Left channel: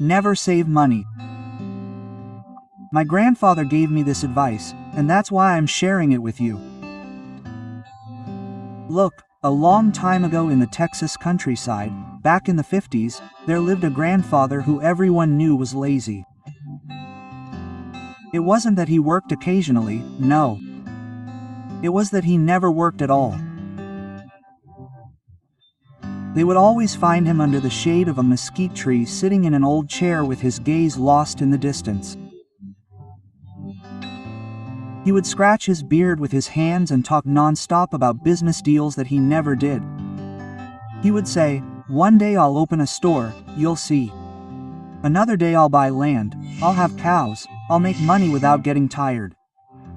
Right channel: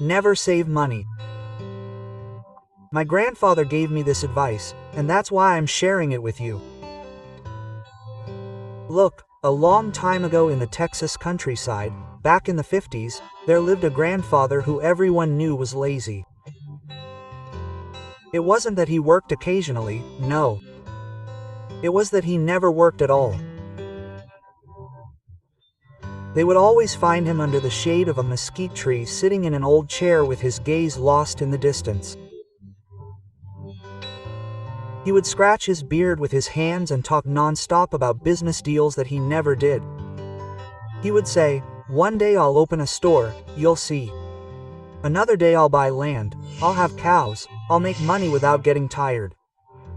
Never save money. My grandfather gave me this advice, and that's why I'm sharing it with you. Look, a long time ago in the Texas countryside, back in the 50s, there lived a grandfather who everyone knew was lazy. It wasn't that he worked occasionally, no. It was that he never worked at all. They would always find him under the shade of a mesquite tree sitting in an old chair with his gaze lost in the distance. He would scratch his beard with his hands and talk non-stop about business deals that he never did. He would say, "One day I'll open a store, you'll see. Another day I'll buy land, I'll have cows, I'll make money without getting tired."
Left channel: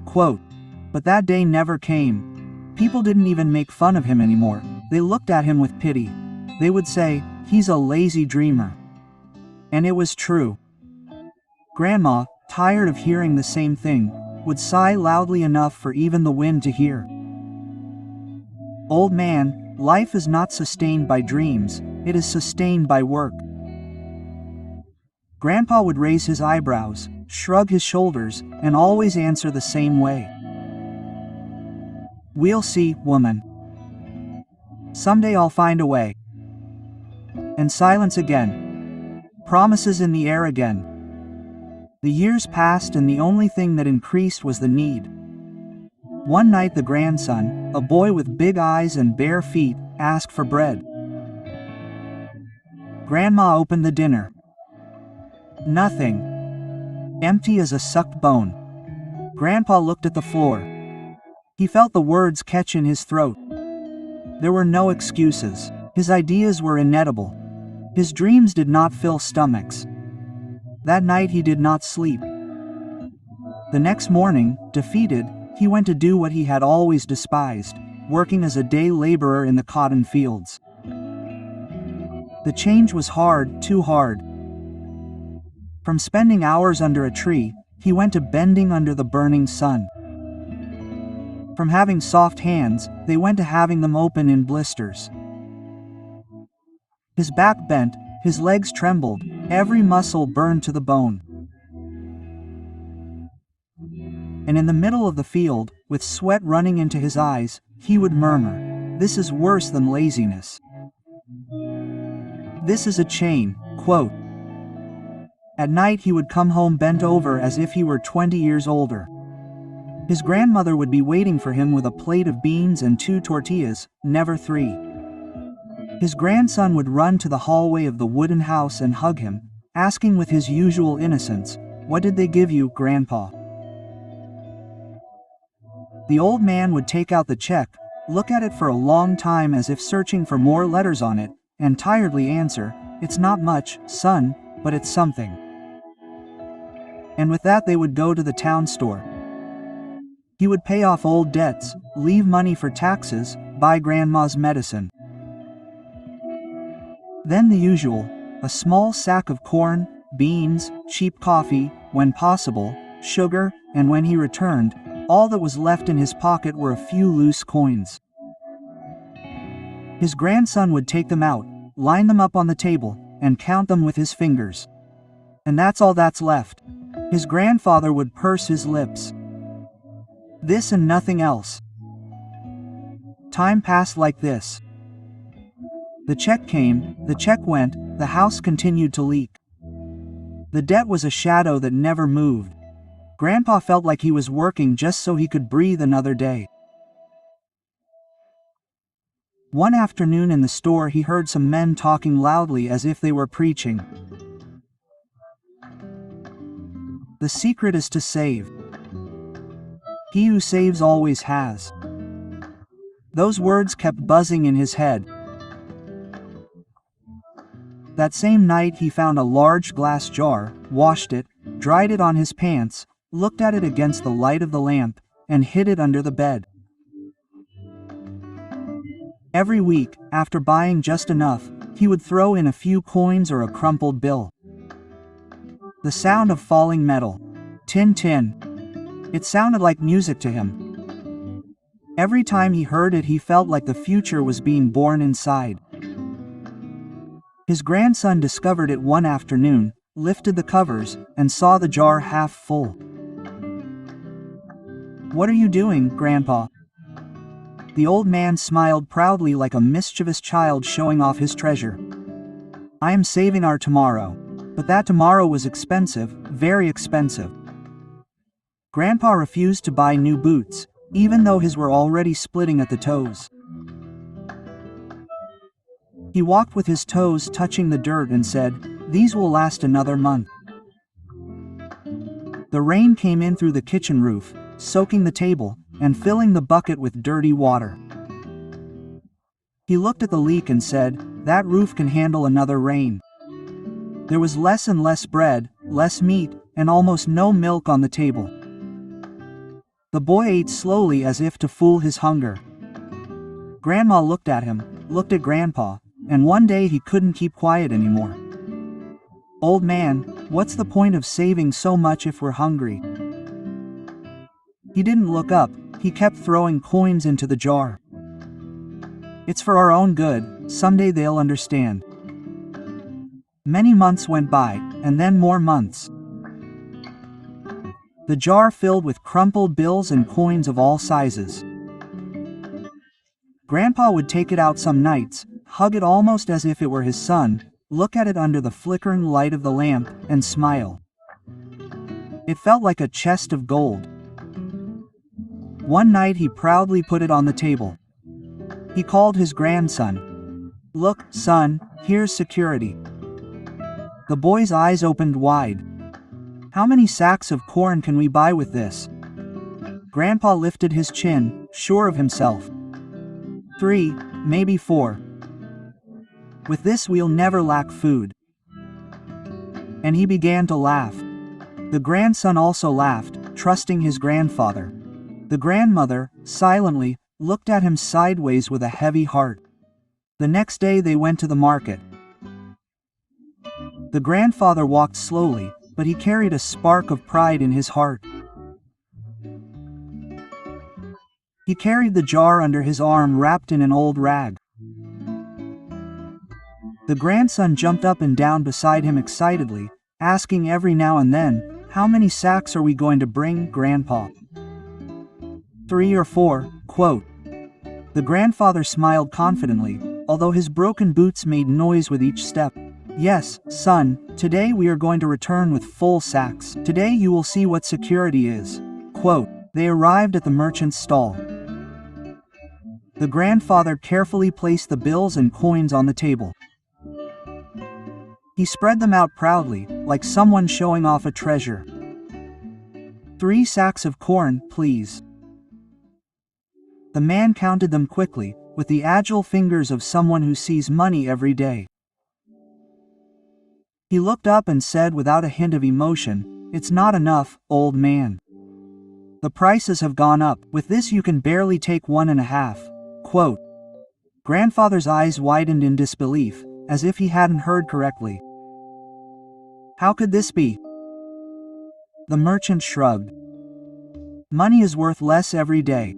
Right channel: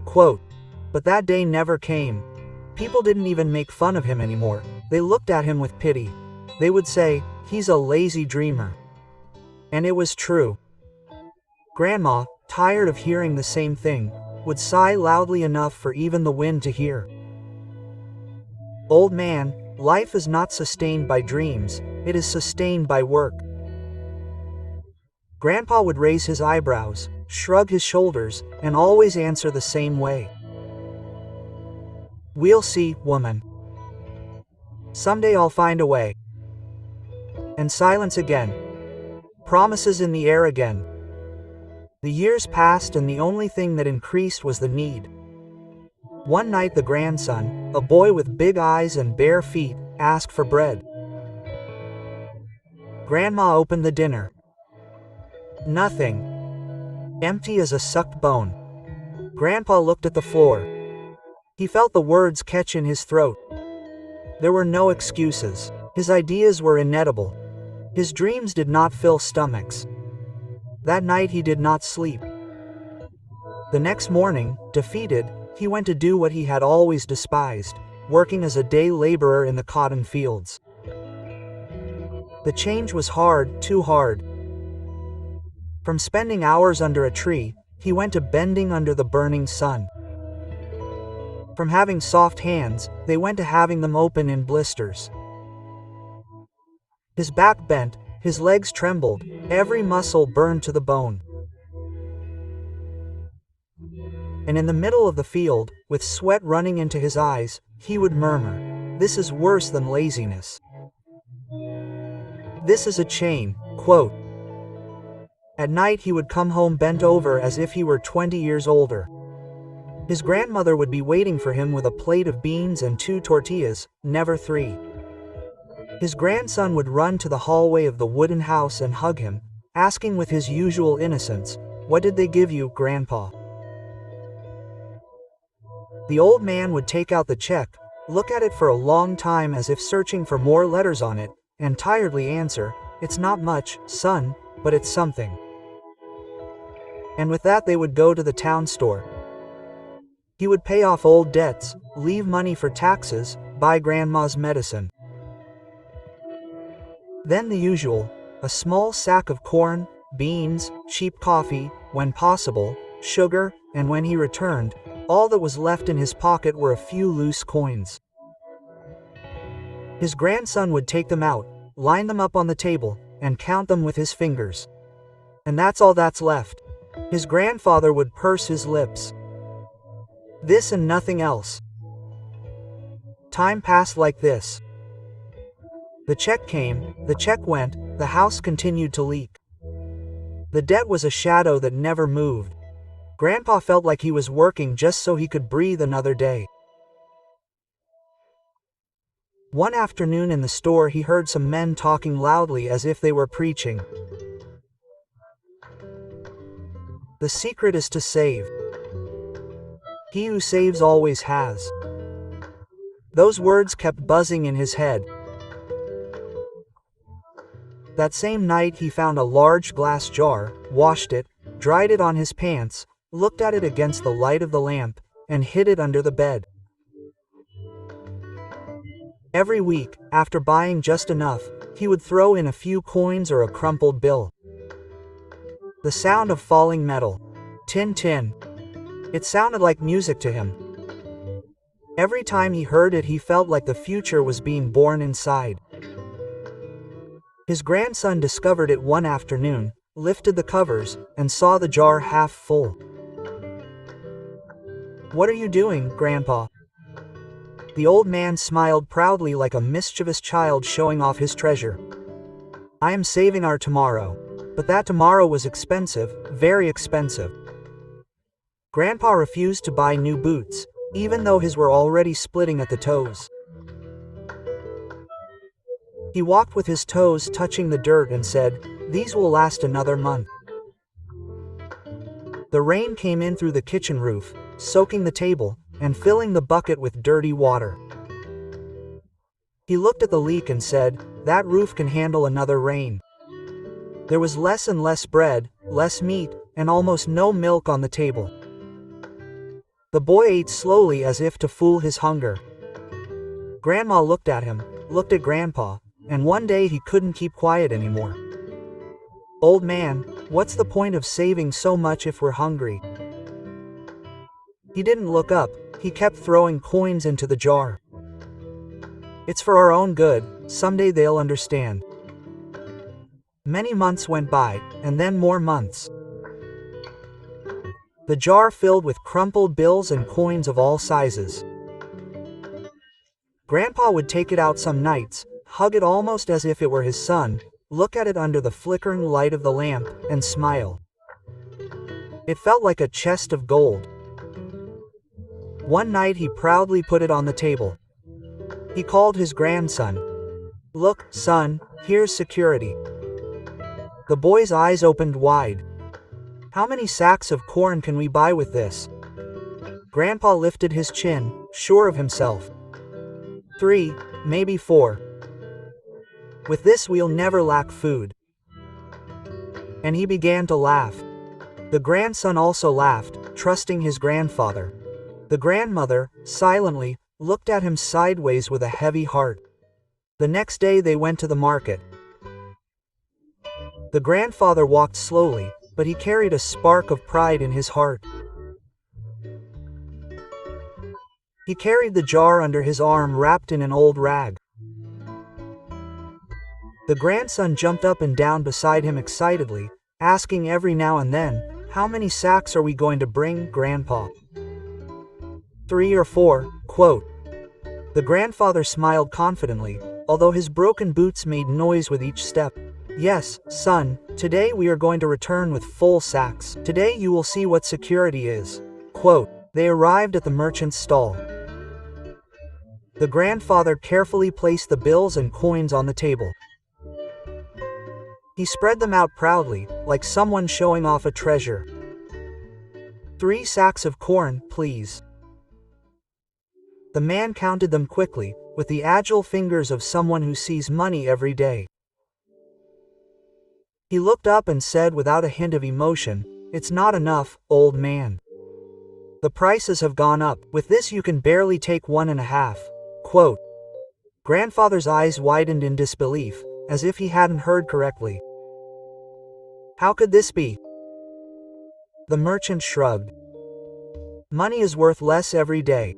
Quote. But that day never came. People didn't even make fun of him anymore. They looked at him with pity. They would say, "He's a lazy dreamer." And it was true. Grandma, tired of hearing the same thing, would sigh loudly enough for even the wind to hear. "Old man, life is not sustained by dreams, it is sustained by work." Grandpa would raise his eyebrows, shrug his shoulders, and always answer the same way. "We'll see, woman. Someday I'll find a way." And silence again. Promises in the air again. The years passed and the only thing that increased was the need. One night the grandson, a boy with big eyes and bare feet, asked for bread. Grandma opened the dinner. Nothing. Empty as a sucked bone. Grandpa looked at the floor. He felt the words catch in his throat. There were no excuses. His ideas were inedible. His dreams did not fill stomachs. That night he did not sleep. The next morning, defeated, he went to do what he had always despised, working as a day laborer in the cotton fields. The change was hard, too hard. From spending hours under a tree, he went to bending under the burning sun. From having soft hands, they went to having them open in blisters. His back bent, his legs trembled, every muscle burned to the bone. And in the middle of the field, with sweat running into his eyes, he would murmur, "This is worse than laziness. This is a chain." Quote. At night he would come home bent over as if he were 20 years older. His grandmother would be waiting for him with a plate of beans and 2 tortillas, never 3. His grandson would run to the hallway of the wooden house and hug him, asking with his usual innocence, "What did they give you, Grandpa?" The old man would take out the check, look at it for a long time as if searching for more letters on it, and tiredly answer, "It's not much, son, but it's something." And with that they would go to the town store. He would pay off old debts, leave money for taxes, buy grandma's medicine. Then the usual, a small sack of corn, beans, cheap coffee, when possible, sugar, and when he returned, all that was left in his pocket were a few loose coins. His grandson would take them out, line them up on the table, and count them with his fingers. And that's all that's left. His grandfather would purse his lips. This and nothing else. Time passed like this. The check came, the check went, the house continued to leak. The debt was a shadow that never moved. Grandpa felt like he was working just so he could breathe another day. One afternoon in the store he heard some men talking loudly as if they were preaching. The secret is to save. He who saves always has. Those words kept buzzing in his head. That same night he found a large glass jar, washed it, dried it on his pants, looked at it against the light of the lamp, and hid it under the bed. Every week, after buying just enough, he would throw in a few coins or a crumpled bill. The sound of falling metal. Tin tin. It sounded like music to him. Every time he heard it he felt like the future was being born inside. His grandson discovered it one afternoon, lifted the covers, and saw the jar half full. "What are you doing, Grandpa?" The old man smiled proudly like a mischievous child showing off his treasure. "I am saving our tomorrow." But that tomorrow was expensive, very expensive. Grandpa refused to buy new boots, even though his were already splitting at the toes. He walked with his toes touching the dirt and said, "These will last another month." The rain came in through the kitchen roof, soaking the table, and filling the bucket with dirty water. He looked at the leak and said, "That roof can handle another rain." There was less and less bread, less meat, and almost no milk on the table. The boy ate slowly as if to fool his hunger. Grandma looked at him, looked at Grandpa, and one day he couldn't keep quiet anymore. "Old man, what's the point of saving so much if we're hungry?" He didn't look up, he kept throwing coins into the jar. "It's for our own good, someday they'll understand." Many months went by, and then more months. The jar filled with crumpled bills and coins of all sizes. Grandpa would take it out some nights, hug it almost as if it were his son, look at it under the flickering light of the lamp, and smile. It felt like a chest of gold. One night he proudly put it on the table. He called his grandson. "Look, son, here's security." The boy's eyes opened wide. "How many sacks of corn can we buy with this?" Grandpa lifted his chin, sure of himself. 3, maybe 4. "With this we'll never lack food." And he began to laugh. The grandson also laughed, trusting his grandfather. The grandmother, silently, looked at him sideways with a heavy heart. The next day they went to the market. The grandfather walked slowly, but he carried a spark of pride in his heart. He carried the jar under his arm wrapped in an old rag. The grandson jumped up and down beside him excitedly, asking every now and then, "How many sacks are we going to bring, Grandpa?" 3 or 4, quote. The grandfather smiled confidently, although his broken boots made noise with each step. "Yes, son, today we are going to return with full sacks. Today you will see what security is." Quote. They arrived at the merchant's stall. The grandfather carefully placed the bills and coins on the table. He spread them out proudly, like someone showing off a treasure. 3 sacks of corn, please." The man counted them quickly, with the agile fingers of someone who sees money every day. He looked up and said without a hint of emotion, "It's not enough, old man. The prices have gone up. With this you can barely take 1.5. Quote. Grandfather's eyes widened in disbelief, as if he hadn't heard correctly. "How could this be?" The merchant shrugged. "Money is worth less every day.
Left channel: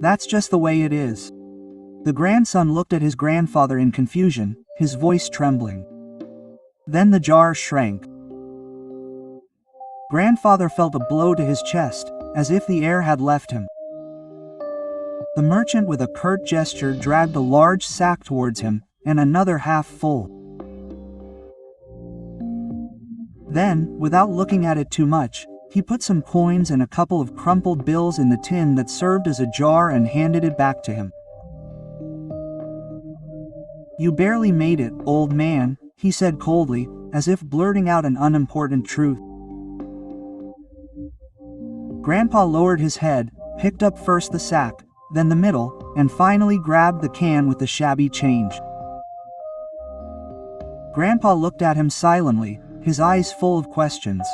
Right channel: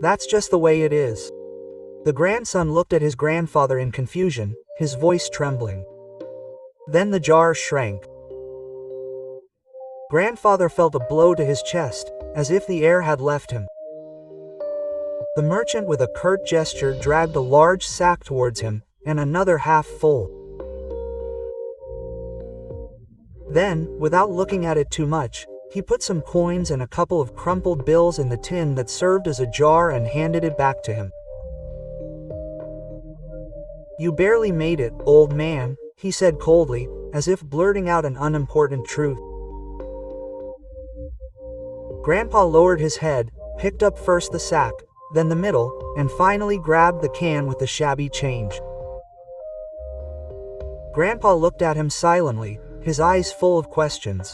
That's just the way it is." The grandson looked at his grandfather in confusion, his voice trembling. Then the jar shrank. Grandfather felt a blow to his chest, as if the air had left him. The merchant with a curt gesture dragged a large sack towards him, and another half full. Then, without looking at it too much, he put some coins and a couple of crumpled bills in the tin that served as a jar and handed it back to him. "You barely made it, old man," he said coldly, as if blurting out an unimportant truth. Grandpa lowered his head, picked up first the sack, then the middle, and finally grabbed the can with the shabby change. Grandpa looked at him silently, his eyes full of questions.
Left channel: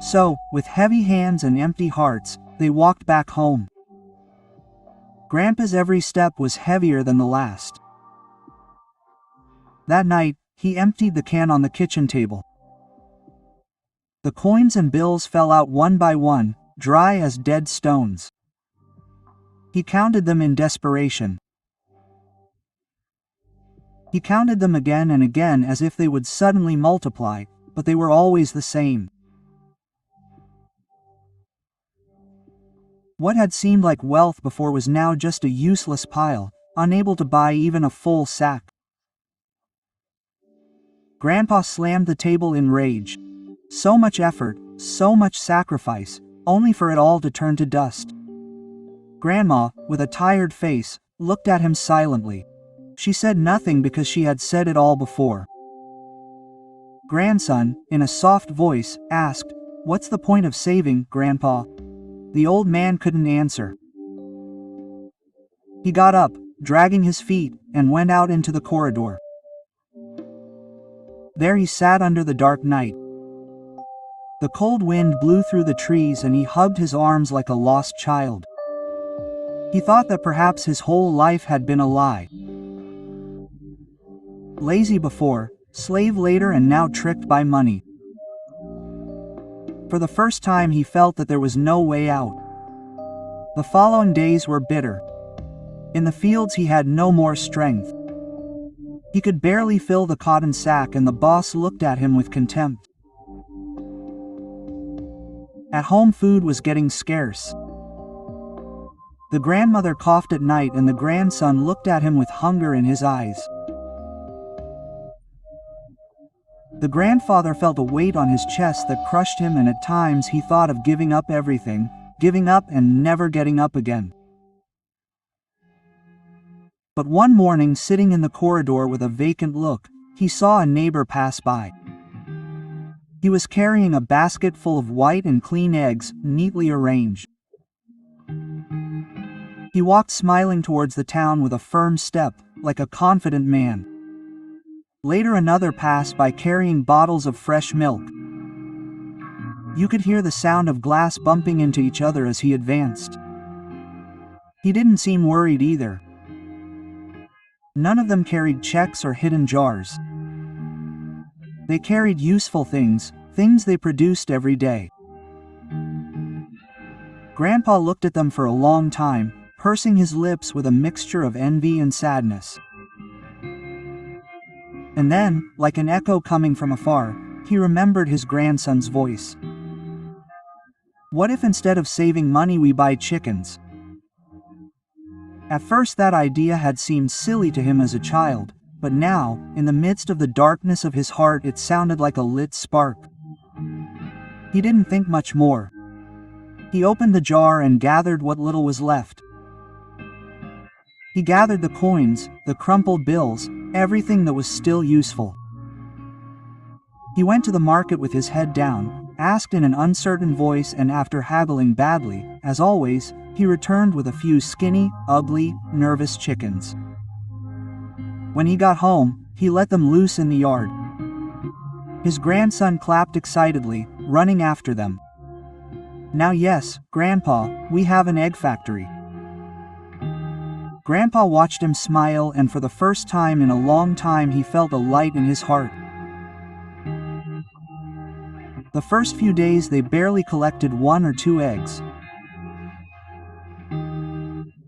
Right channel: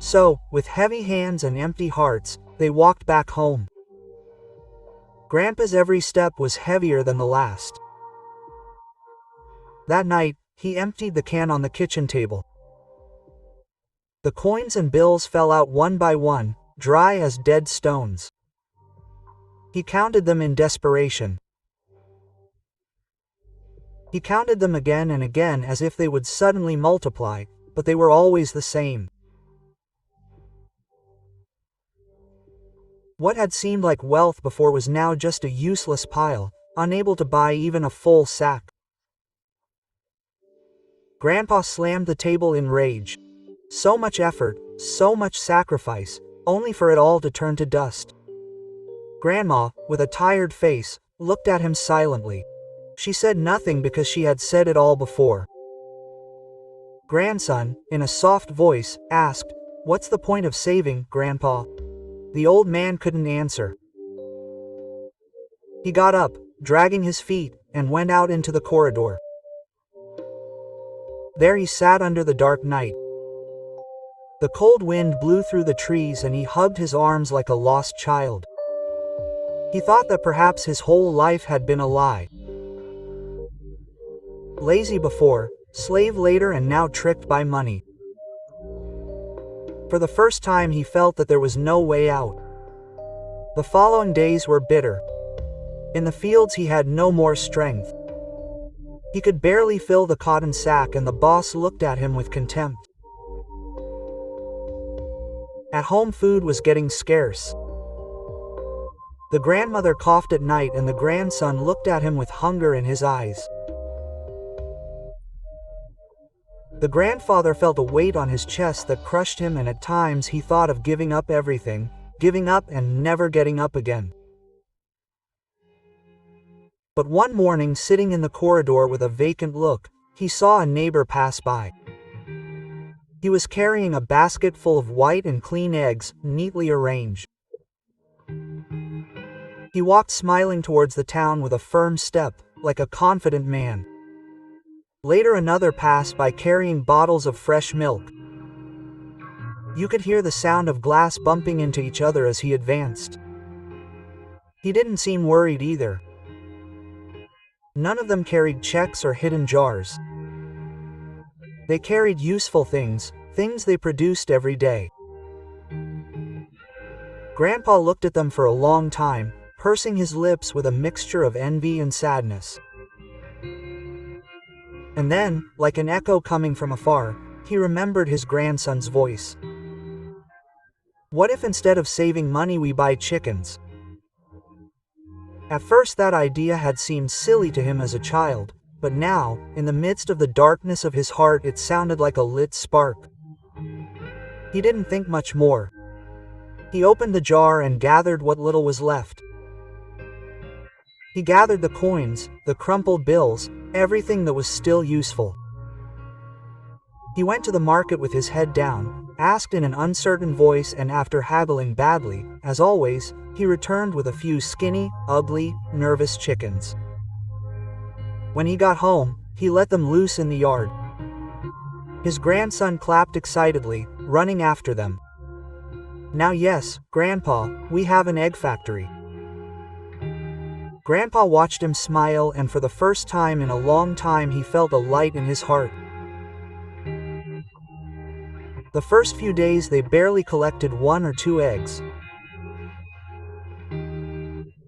So, with heavy hands and empty hearts, they walked back home. Grandpa's every step was heavier than the last. That night, he emptied the can on the kitchen table. The coins and bills fell out one by one, dry as dead stones. He counted them in desperation. He counted them again and again as if they would suddenly multiply, but they were always the same. What had seemed like wealth before was now just a useless pile, unable to buy even a full sack. Grandpa slammed the table in rage. So much effort, so much sacrifice, only for it all to turn to dust. Grandma, with a tired face, looked at him silently. She said nothing because she had said it all before. Grandson, in a soft voice, asked, "What's the point of saving, Grandpa?" The old man couldn't answer. He got up, dragging his feet, and went out into the corridor. There he sat under the dark night. The cold wind blew through the trees and he hugged his arms like a lost child. He thought that perhaps his whole life had been a lie. Lazy before, slave later, and now tricked by money. For the first time he felt that there was no way out. The following days were bitter. In the fields he had no more strength. He could barely fill the cotton sack and the boss looked at him with contempt. At home food was getting scarce. The grandmother coughed at night and the grandson looked at him with hunger in his eyes. The grandfather felt a weight on his chest that crushed him, and at times he thought of giving up everything, giving up and never getting up again. But one morning, sitting in the corridor with a vacant look, he saw a neighbor pass by. He was carrying a basket full of white and clean eggs, neatly arranged. He walked smiling towards the town with a firm step, like a confident man. Later another passed by carrying bottles of fresh milk. You could hear the sound of glass bumping into each other as he advanced. He didn't seem worried either. None of them carried checks or hidden jars. They carried useful things, things they produced every day. Grandpa looked at them for a long time, pursing his lips with a mixture of envy and sadness. And then, like an echo coming from afar, he remembered his grandson's voice. What if instead of saving money we buy chickens? At first that idea had seemed silly to him as a child, but now, in the midst of the darkness of his heart, it sounded like a lit spark. He didn't think much more. He opened the jar and gathered what little was left. He gathered the coins, the crumpled bills, everything that was still useful. He went to the market with his head down, asked in an uncertain voice, and after haggling badly, as always, he returned with a few skinny, ugly, nervous chickens. When he got home, he let them loose in the yard. His grandson clapped excitedly, running after them. Now yes, Grandpa, we have an egg factory. Grandpa watched him smile, and for the first time in a long time he felt a light in his heart. The first few days they barely collected 1 or 2 eggs.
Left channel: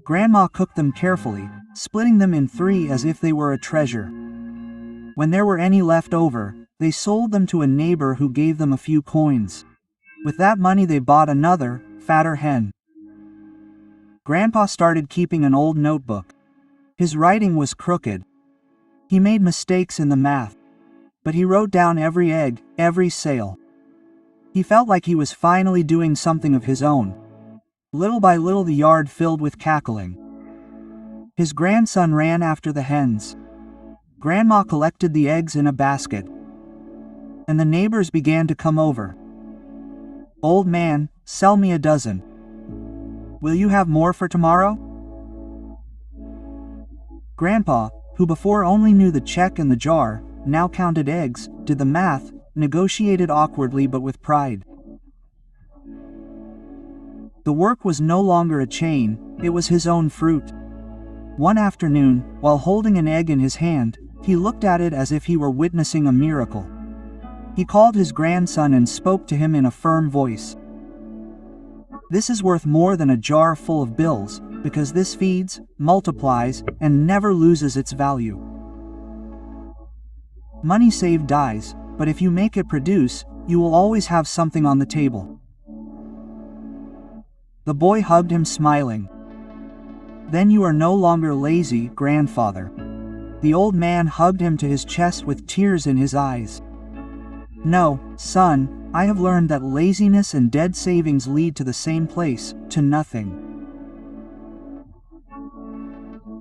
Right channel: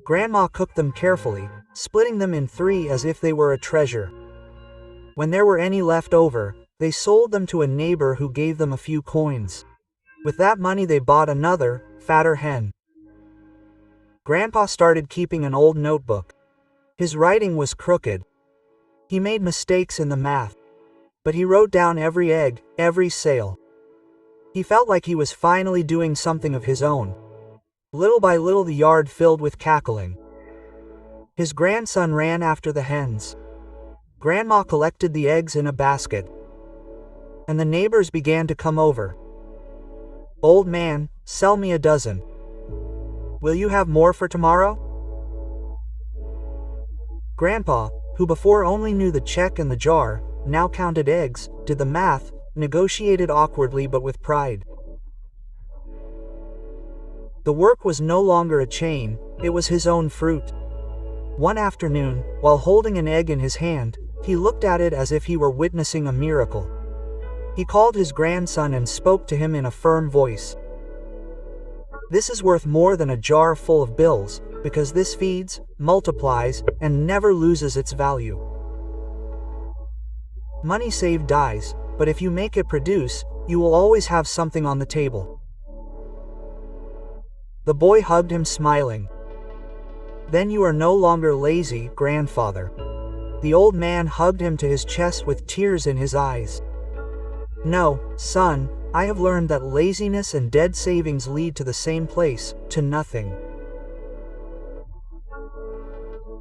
Grandma cooked them carefully, splitting them in 3 as if they were a treasure. When there were any left over, they sold them to a neighbor who gave them a few coins. With that money they bought another, fatter hen. Grandpa started keeping an old notebook. His writing was crooked. He made mistakes in the math. But he wrote down every egg, every sale. He felt like he was finally doing something of his own. Little by little the yard filled with cackling. His grandson ran after the hens. Grandma collected the eggs in a basket. And the neighbors began to come over. "Old man, sell me a dozen. Will you have more for tomorrow?" Grandpa, who before only knew the check and the jar, now counted eggs, did the math, negotiated awkwardly but with pride. The work was no longer a chain, it was his own fruit. One afternoon, while holding an egg in his hand, he looked at it as if he were witnessing a miracle. He called his grandson and spoke to him in a firm voice. "This is worth more than a jar full of bills, because this feeds, multiplies, and never loses its value." Money saved dies, but if you make it produce, you will always have something on the table. The boy hugged him smiling. Then you are no longer lazy, grandfather. The old man hugged him to his chest with tears in his eyes. No, son, I have learned that laziness and dead savings lead to the same place, to nothing.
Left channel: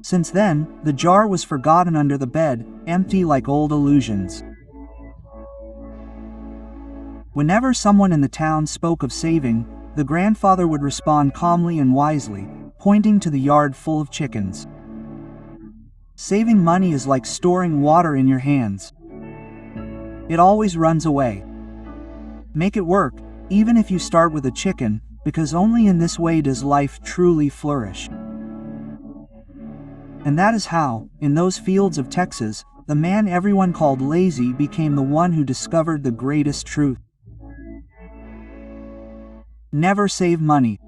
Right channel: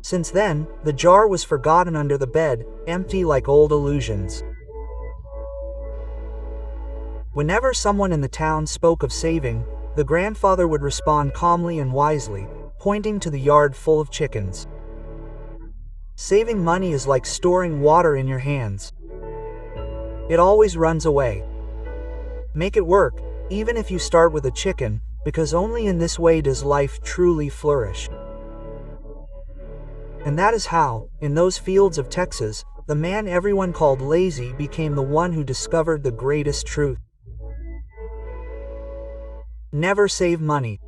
Since then, the jar was forgotten under the bed, empty like old illusions. Whenever someone in the town spoke of saving, the grandfather would respond calmly and wisely, pointing to the yard full of chickens. Saving money is like storing water in your hands. It always runs away. Make it work, even if you start with a chicken, because only in this way does life truly flourish. And that is how, in those fields of Texas, the man everyone called lazy became the one who discovered the greatest truth. Never save money.